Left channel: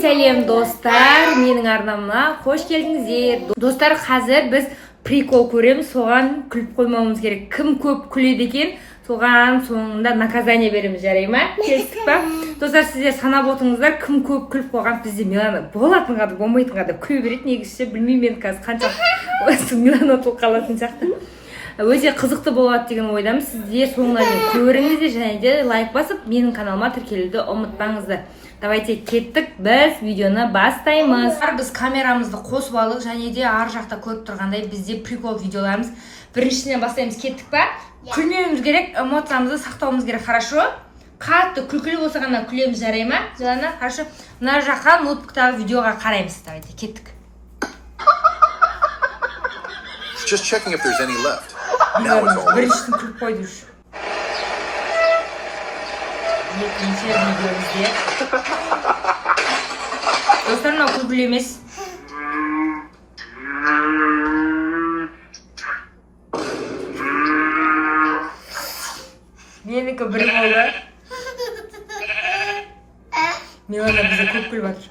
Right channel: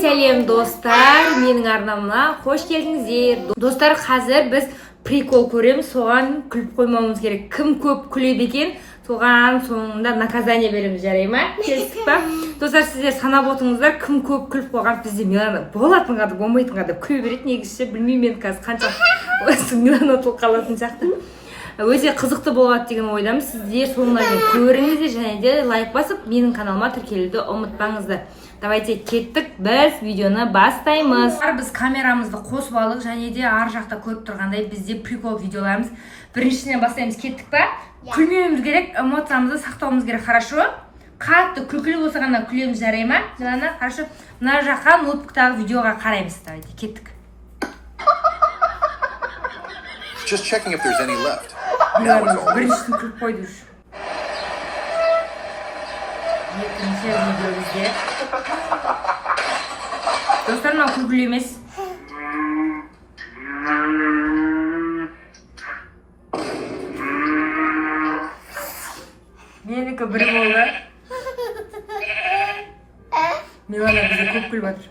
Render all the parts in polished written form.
Сәлем достар, менің арнамына қош келдіңіздер. Достар, қазір біз прикол көреміз, соған күліп қоймауымыз керек. Кім көп күледі екен, соған соңында наказание береміз, жарай ма? Келістік па? Достар, сіздер санап отырыңыздар, кім көп күліп қойған. Бізде Милана болатынға да болмайтынға да күле береді. Негізі білмеймін мен қазір қанша Милана толық қалатын сияқты. Өте қызықты болады деген ойдамын. Сіздер соңына дейін көріңіздер және де лайк басып, менің каналыма тіркелуді ұмытпаңыздар. Давайте кеттік, біз видеоны бастаймыз. Біз камерамызды қосып алдық және де ар жақта көріп тұрғандай бізде прикол видеоларымыз. Біріншіден бастаймыз, кеттік па? Күлмеуіміз керек, эмоциямызды сақтауымыз керек, хорошо? Қатты күлкілі болса ғана күлеміз, жарай ма? Жаңа, хорошо? Мына жаққа ноутбуктағы видеоға қараймыз. Давайте кеттік. Just checking if there's any left. Now it's all Біріншіден күліп қойды үш. Екінші видеомызде. Достар, мынау күлкілі емес. Менікі бір болды. Милана бізе көп күліп жатыр.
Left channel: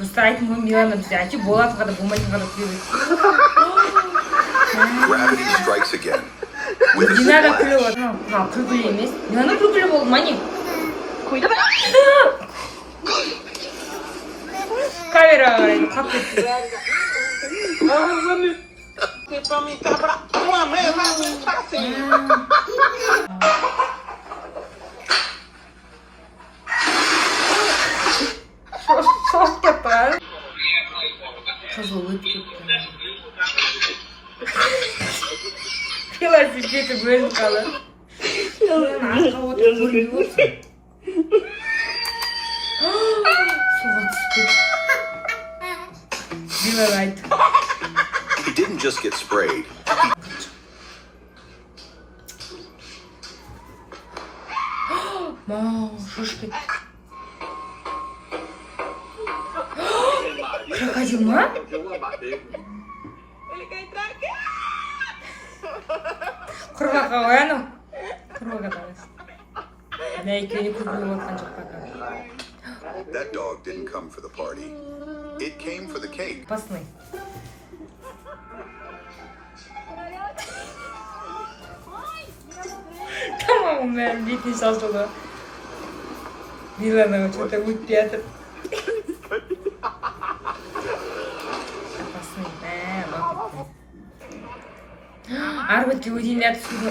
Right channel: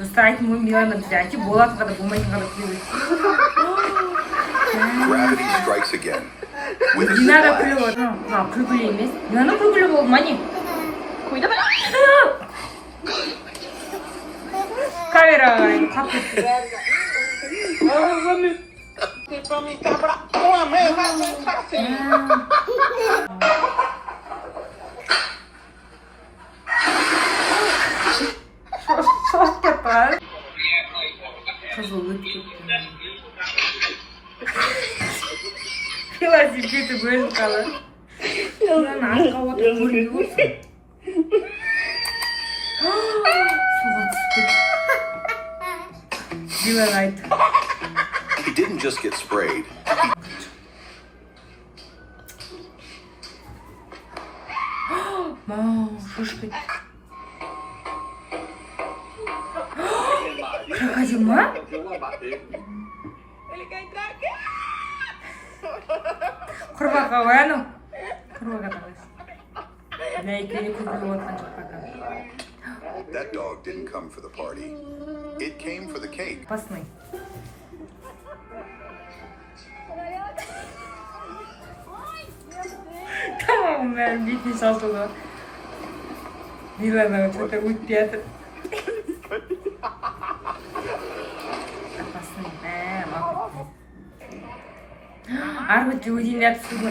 Достар, айтым ғой, Милана бізе әке болатынға да болмайтынға да күліп. gravity strikes again. With a Милана splash. күліп отыр. Мынау күлкілі емес. Милана күлкілі болды ма не? Қойдым. Камераға қарайды, қап кетті. Шоқ кетті. Қызыл өтіп кетті. Кіласы жеті бөлініп қалды. Милана артқа отырып көрінді болсын. Суға түсіп кетті. Милана айтты. He didn't just get sprayed. Мау, шошып кетті. Крокодил ма? Құрбақа ғой анау. Құрбақа тағыз. Нәйкені күлкілі отқан жаққа. That dog didn't come for the party. It came for the cake. Басынай. Tamam, ben бетін шалдылы. Милана что-то өтпей жатыр. Ар бетке өтейін деп түсуге.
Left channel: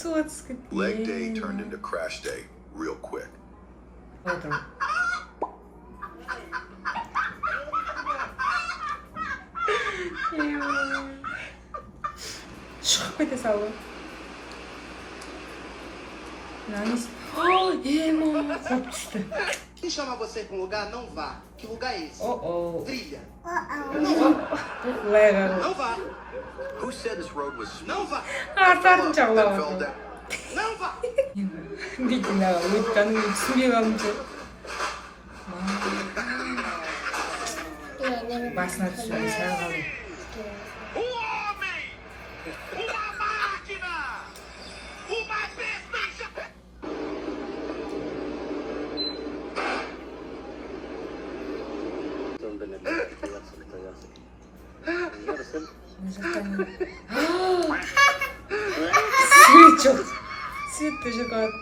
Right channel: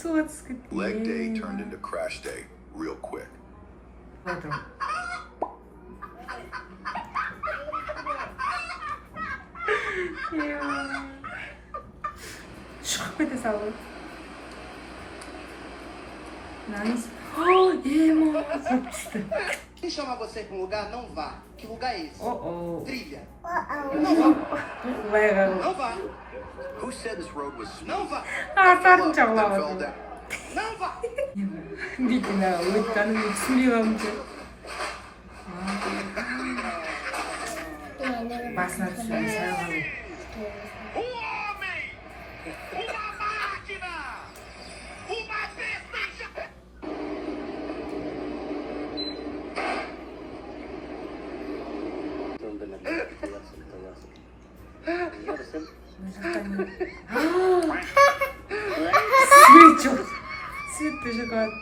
Суға түсіп кетті. Leg day turned into crash day real quick. Шығып кете салды. Наңыз. Ема, қоп түсті. Quem chama você para um lugar, não vá. Que lugar é esse? Trilha. Não vá. Who said this road was smooth? Não vá. Артатын Then fell жағылауы. down. Não vá. Дейтін өткенін түсінбей қалды. Басына түсуге сағалым. Homem! Uma máquina! Uma bestia! Свет жоқ. Светті жұқады.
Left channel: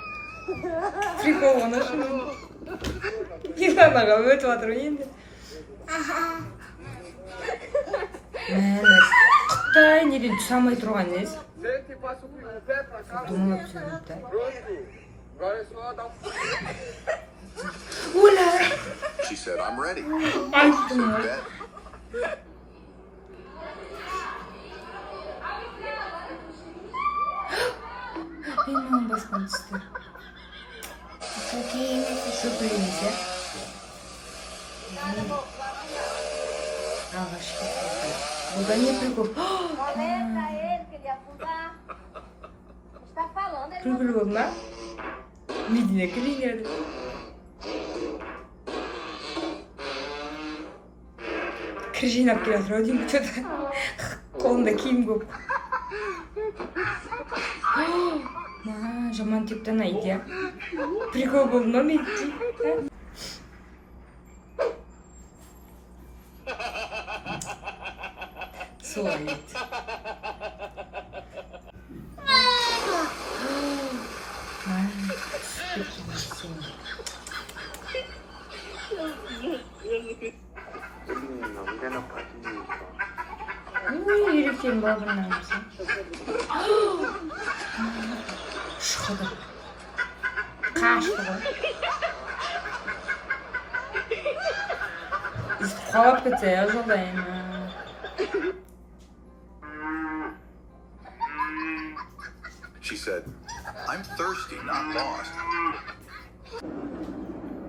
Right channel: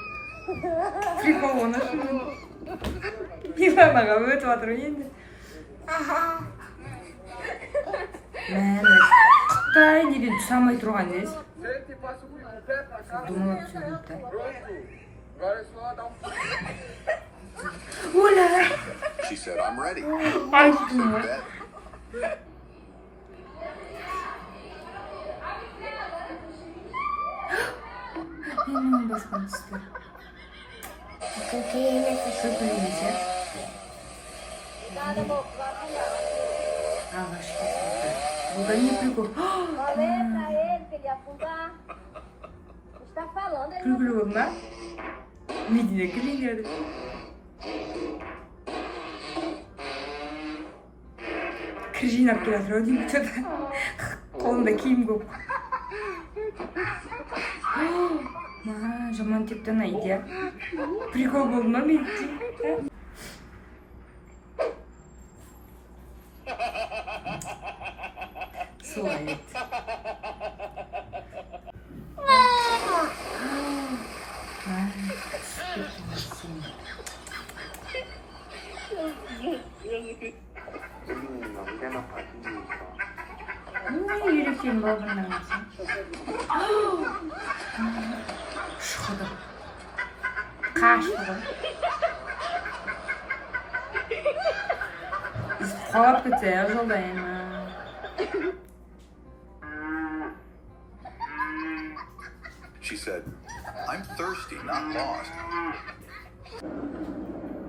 Прикол оны шу. Миланаға өтіп жатыр енді. Мәліс. Қытай неден түс алмай тұрған ез? Думай өтсеңді. Оля! She said, I'm ready. Айттым ғой. Bet. Мен оның басқан түсті. Көке емес, шөп емес, е? Ағаш кетті. Бұда не прикол? Күлгілі болдың ба? Недіне күлейін. Кір жинап келе жатыр, деймін, что-то Қолында киім көп. Жаман типтен айдия. Прикол болды ма мен? Солай. 남자나 빠지니까. 이렇게 먹은 남자. Шықты. Қашты. Қалап кетсе, жолдайын. She said, I'm thirsty, not lost.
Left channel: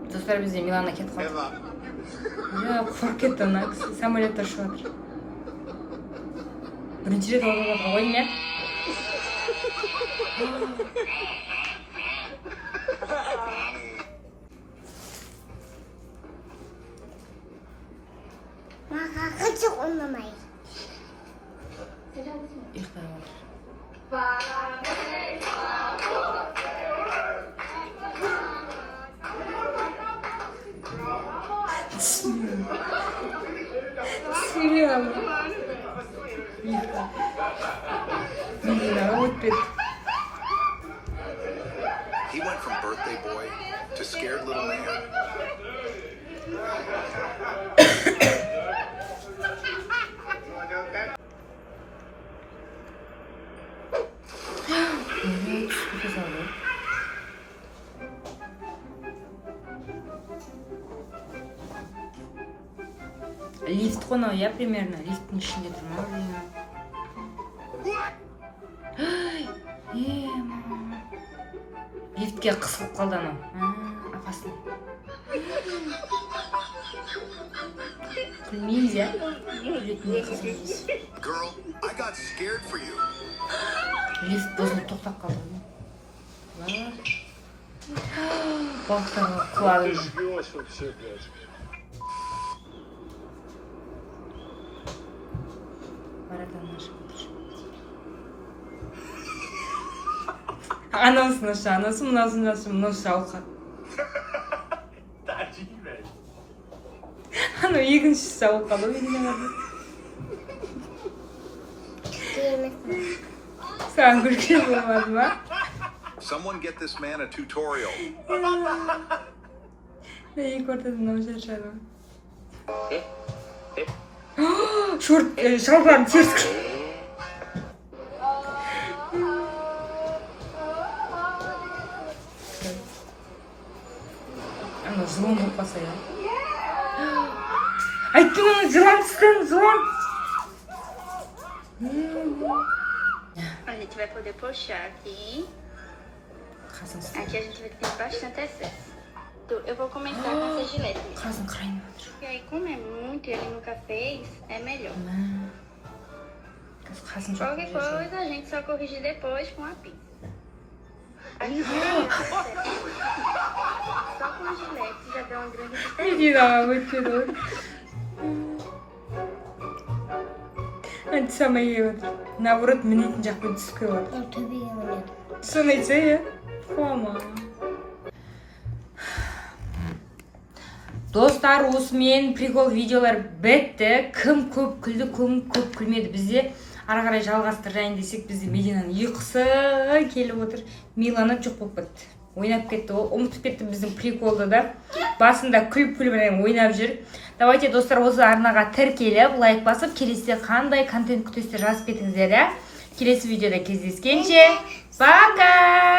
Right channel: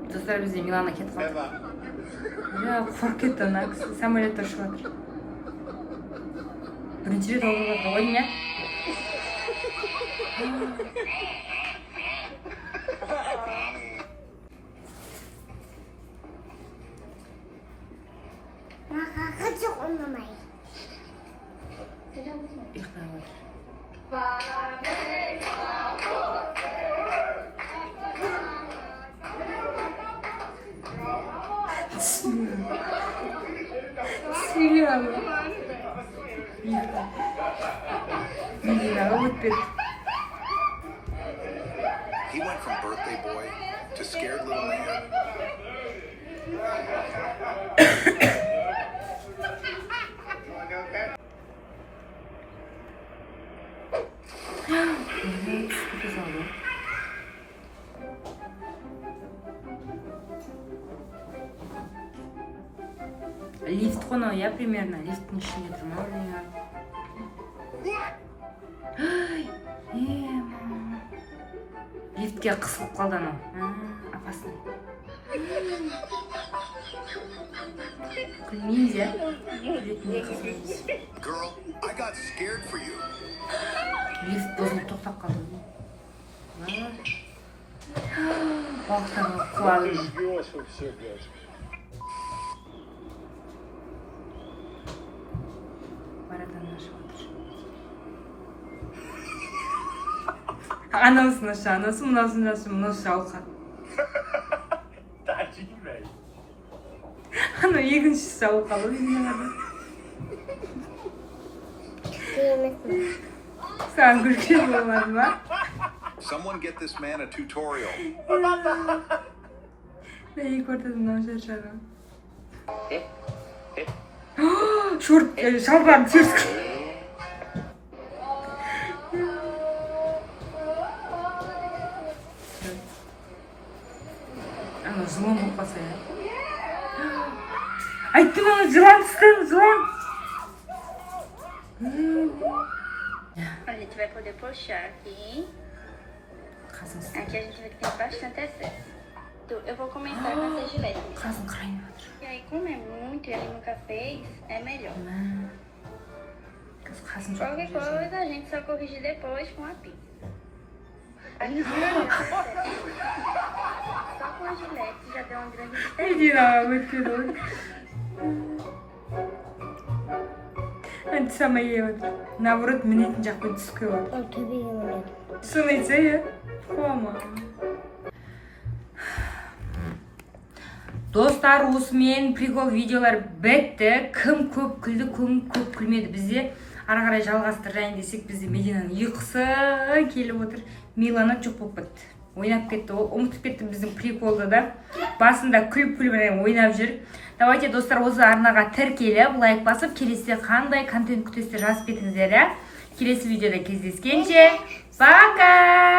Достар бізде Милана кетіп қалды. Қорқып кетті ана кісі. Самолетті ұшып жатыр. Бірінші рет олып жатыр ғой не? Хочу умамай. ұйықтай жатыр. Сөйлем. He went from birthday boy to scared little man. Лифт қонау, я примерно лифттің ішінде тұрмау. Лифтке қысылып қалды анау. Апасын. Күлмейіз, я? Girl, I got scared for you. Лифт бозылып тоқтап қалды. Балықтарға құлады. Живешь вообще, блядь. Анаусын аша, анаусын мынаусын аша, мынаусы жауқа. Tadinho, velho. Анау екінші жауқа ғой. Саған күлген болады ма? Someone get this man a tutorial. Екі ортада мынау шаршады. Шорттарын теріс қылды. Ана жылан болып қалса я. Айттым ана жылан түскен, жылан. A gente vai poder puxar aqui. Aqui a gente vai ter bastante excesso. Eu vou começar com essa gilete. Қазын қарайын жатыр. E aí, como é muito e ele nunca fez, é melhor. Қазын Qualquer coisa a gente só corrige depois com a pinça. Aqui só com a gilete já deu uma grande diferença. өйтеді. Мен түсамай ебатыр. Наоборот, мінетін жақпен түсіп кеп жатыр. Ол төбеге мінеді. Соны айтса, е? Қуама. Достар, осымен прикол видеолар бітті. Кім көп күлді, кім көп күлмеді. Бізде ары қарай жалғастырайын десек, бізде Мединаның ұйқысы келіп отыр. Милана жоқ болып кетті. Ойнап кетті, ұмытып кетті біздің приколды да. Басында күліп-күліп ойнап жүр. Давайте, достар, осы арнаға тіркеліп, лайк басып, келесіде қандай контент күтесіздер жазып кетіңіздер. Келесі видеода кездескенше. Пока!